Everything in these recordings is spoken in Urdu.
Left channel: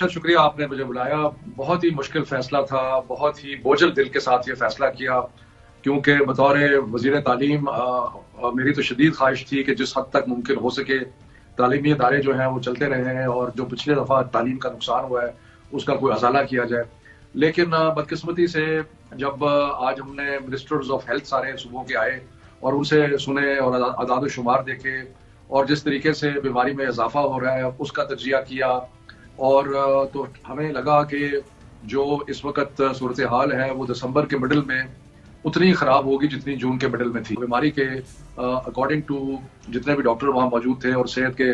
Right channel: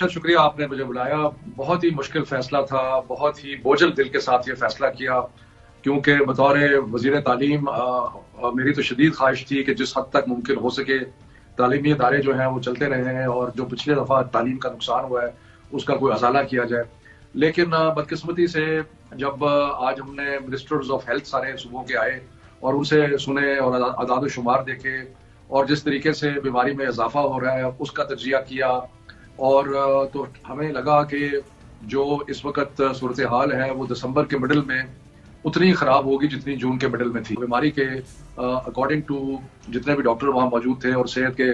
ارشد شکریہ آپ نے مجھے بلایا. بہت ہی مشکل فیصلہ تھا, بہت ہی بوجھل دل کے ساتھ یہ فیصلہ کیا, کیونکہ بطور وزیر تعلیم میری تو شدید خواہش تھی کہ جس حد تک ممکن ہو سکے تعلیمی ادارے جو ہیں وہ چلتے رہے ہیں, اور جو پچھلے دفعہ تعلیم کا نقصان ہوا ہے اس کا کوئی ازالہ کیا جائے. لیکن بدقسمتی سے جب آج ہم نے منسٹرز آف ہیلتھ سارے صوبوں کے آئے اور ان سے سنے اور اعداد و شمار دیکھے, اور جس طریقے سے بیماری میں اضافہ ہو رہا ہے اس کا تجزیہ کیا, اور تو ہمیں لگا کہ جو اس وقت صورتحال ہے وہ دسمبر کے مڈل میں اتنی خراب ہوگی جتنی جون کے مڈل میں تھی. بیماری کے اکارڈنگ ٹو جتنے بھی ڈاکٹر وہاں موجود تھے اور صحت کے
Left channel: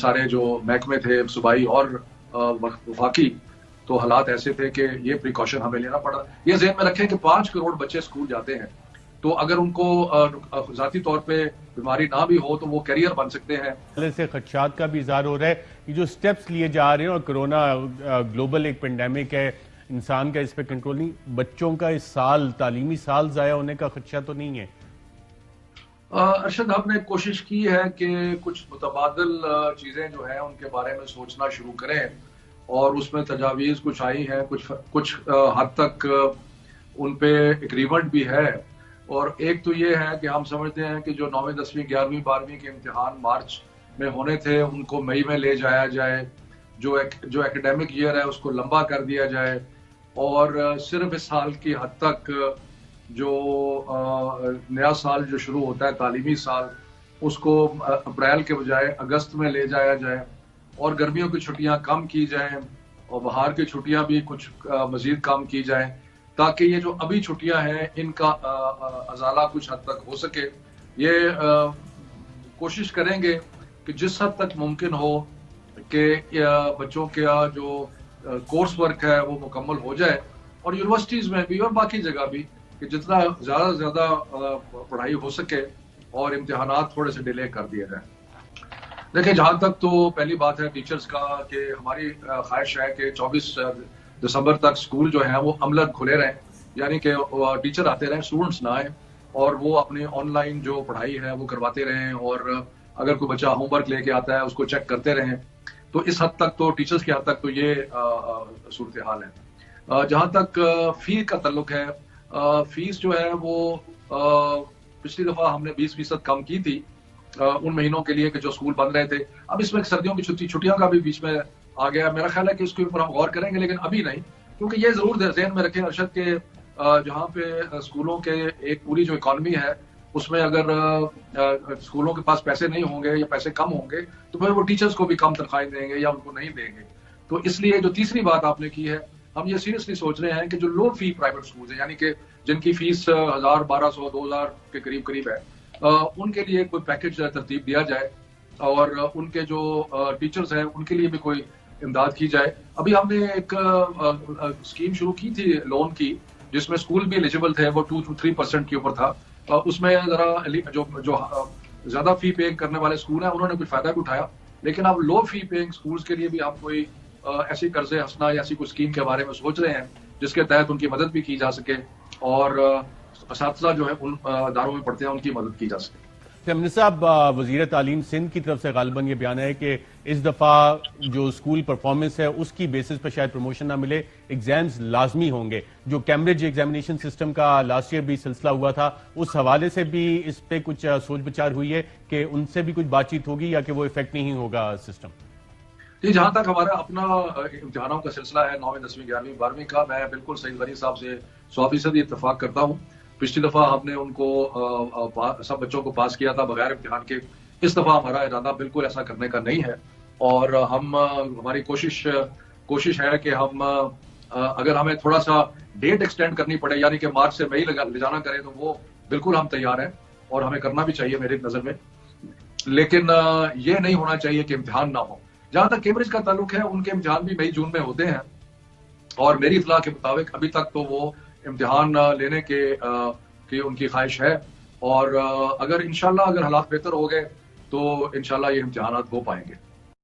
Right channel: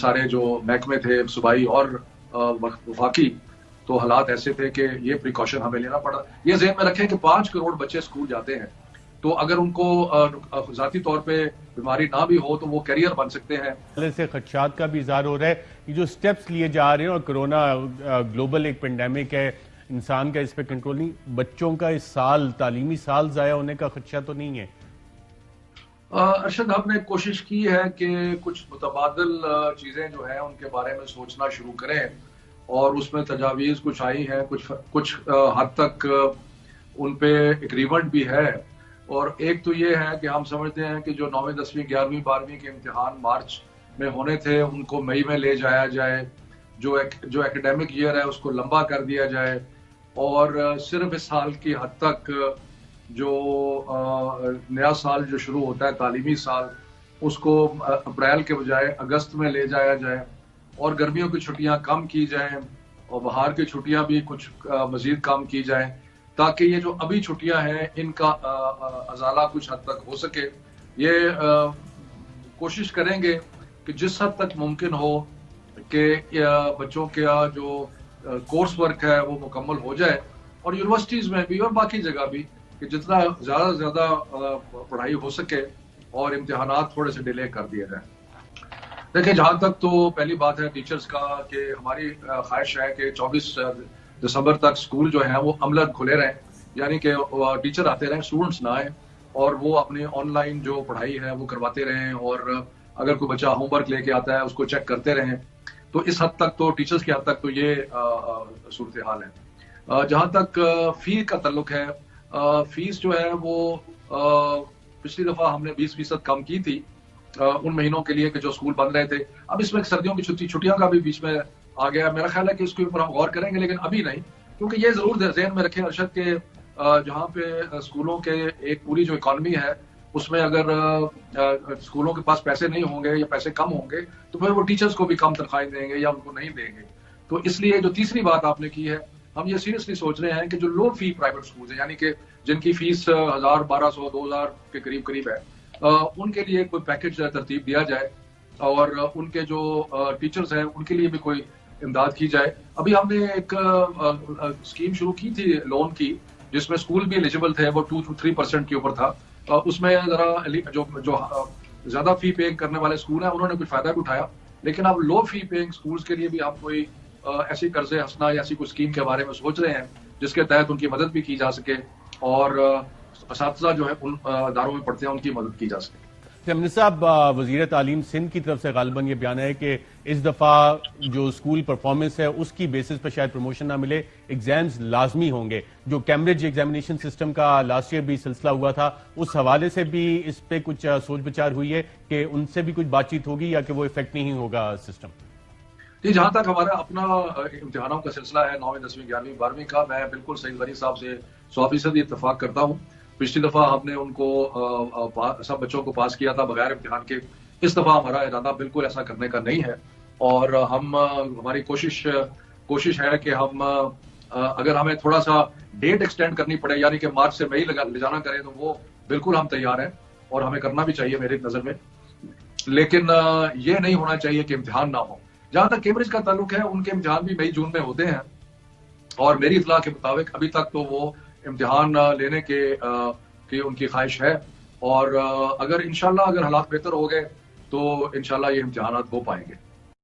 سارے جو محکمے تھے صوبائی اور وفاقی, تو حالات ایسے تھے کہ یہ پریکاشن ہمیں لینا پڑا. یہ ذہن میں رکھیں کہ 5 کروڑ بچے اسکول جاتے ہیں, تو اگر ان کو ذاتی طور پہ بیماری نہ بھی ہو تو وہ کیریئر بن سکتے ہیں. سے خدشات کا بھی اظہار ہو رہا ہے کہ جو سٹیپس لیے جا رہے ہیں, اور کرونا گلوبل ایک پینڈیمک ہے, انسان کا اس پہ کنٹرول نہیں, بچوں کا اس سال تعلیمی سال ضائع ہونے کا خدشہ تو نہیں ہے؟ ارشد, ہم نے کوشش کی ہے کہ کچھ متبادل چیزیں جو ہیں ان کے بارے میں سوچنا شروع کریں, اور اس میں تجاویز کچھ آئی ہیں, کچھ حد تک ان پہ اگریمنٹ بھی ہے. اور ایک تو یہ ہے کہ ہم سمجھتے ہیں کہ جو 9ویں 10ویں 11ویں 12ویں کے امتحان مارچ میں ہونے تھے ان کو مئی میں لے جایا جائے, جو ایکیڈیمک ایئر ہے اس کو لمبا کر دیا جائے, اور صرف اس سال کی حد تک جو نیا سال جو شروع ہوتا ہے تعلیمی سال اس کو اپریل کے بجائے اگست میں لے جایا جائے, اور گرمیوں کی چھٹیاں کم کی جائیں اور بہار کی چھٹیاں بھی کچھ مزید کم کی جائیں, تاکہ یہ جو ابھی چھٹیاں ہیں ان کا ازالہ کچھ حد تک ہو سکے. یہ کوشش کریں گے کہ جس حد تک ممکن ہو کہ بچوں کا جو کورس ورک ہے وہ مکمل ہو جائے, اور یونیورسٹیز میں بھی اور باقی جگہ بھی کہ جتنا زیادہ سے زیادہ پڑھائی ہو سکے اور امتحانات تھوڑے سے ڈیلے کر دیے جائیں. دیکھیں, جہاں تک تو پہلی بات ہے ٹیچرز کا کہ ہماری خواہش ہے کہ 24 دسمبر تک اسکول جو ہے وہ عملاً کھلے رہیں, یعنی کہ ٹیچر آتے رہیں, اسٹوڈنٹس نہ آئیں, اور وہ اپنے آن لائن جو پڑھائی ہے وہ کرواتے رہیں, اور اگر کوئی بچہ ہوم ورک لے کے آتا ہے اس کو چیک کرتے رہیں. تو اس حد تک تو ٹیچرز کی حد تک تو یہ صورتحال ہے. جہاں تک فی کا تعلق ہے, فیس جو ہے وہ پچھلی دفعہ ہم نے 20% کم کی تھی ان مہینوں کے لیے کہ جو اسکول بند رہے تھے. اب اس میں سردیوں کی چھٹیاں کا بھی بیچ میں آ گیا. میرا خیال ہے کہ اس کے اوپر ہم غور کریں گے, لیکن ابھی نہیں, کیونکہ یہ ضرور ذہن میں رکھیں ارشد کہ جہاں پہ اسکولوں کے ایک پوری جو اکانومی ہے اس میں اگر اسکولوں کے پاس پیسے نہیں ہوں گے یا پیسے کم ہوں گے تو پھر وہ ٹیچرز کو بھی کم تنخواہیں دیں گے یا ان کو نہیں دیں گے. تو اس لیے جو تیسری بات آپ نے کی ہے, ہم یہ سیریسلی سوچ رہے ہیں کہ جو لو فی پرائیویٹ اسکول ہیں, یعنی کہ جن کی فیس 1000 1200 2000 کے قریب ہے, ان کے لیے کوئی پیکج ترتیب دیا جائے, اور ان کے جو ٹیچرز ہیں ان کے لیے بھی کوئی امداد کی جائے. ابھی ہم نے ایک اسکیم شروع کی تھی لون کی, جس میں اسکول بھی ایلیجیبل تھے, وہ 2 to 3% کے اوپر تھا. اس میں ذرا جو زیادہ فی پے کرنے والے اسکول ہیں انہوں نے کوئی فائدہ بھی اٹھایا, لیکن اب لو فی پیئنگ اسکولس کے لیے بھی ہم کوئی ایسی قرض حسنہ یا ایسی کوئی اسکیم کے بارے میں سوچ رہے ہیں جس کے تحت ان کی مدد بھی کی جا سکے, اور اساتذہ جو ہے ان اداروں میں پڑھتے ہیں ان کی مدد کی جا سکے. امن صاحب, وزیر تعلیم سندھ کی طرف سے غالباً یہ بیان ہے کہ اس دفعہ جو اسکول پرفارمنس ہے اس کی بیسس پہ شاید پروموشن نہ ملے, ایگزامز لازمی ہوں گے. جو کیمبرج ایگزامینیشن سسٹم کا لاسٹ ایئر بھی سلسلہ ہوا تھا, اس حوالے سے بھی اس پہ کچھ سوچ بچار ہوئی ہے کہ ان سے بھی کچھ بات چیت ہوگی یا کہ وہ افیکٹ نہیں ہوگا سسٹم؟ جی, جہاں تک ہمارا اپنا امتحانوں کا سلسلہ ہے 9ویں 10ویں 11ویں 12ویں کا, میں بالکل سعید بری صاحب سے 100% اتفاق کرتا ہوں. پچھلی دفعہ ہم نے ان کو سب بچوں کو پاس کیا تھا بغیر امتحان کے. اس دفعہ ہمارا ارادہ بالکل ایسا کرنے کا نہیں ہے, اور ہماری کوشش ہے کہ ہم اگر ہمیں تھوڑا سا ڈیٹ ایکسٹینڈ کرنی پڑے, یعنی کہ مارچ سے مئی لے جانا کریں, تو وہ بالکل ہم تیار ہیں اور ہمیں کرنا بھی چاہیے میرے نظر میں. لیکن یہ نہیں ہونا چاہیے کہ امتحان نہ ہو. جہاں تک کیمبرج کا تعلق ہے, ان کے امتحان بھی مئی جون میں ہوتے ہیں, اور میری اطلاع کے مطابق ابھی تک تو وہ امتحان لینے کے ان کی خواہش ہے, اور اگر انشاءاللہ اگر حالات بہتر ہو گئے تو انشاءاللہ یہ امتحانات ہو پائیں گے.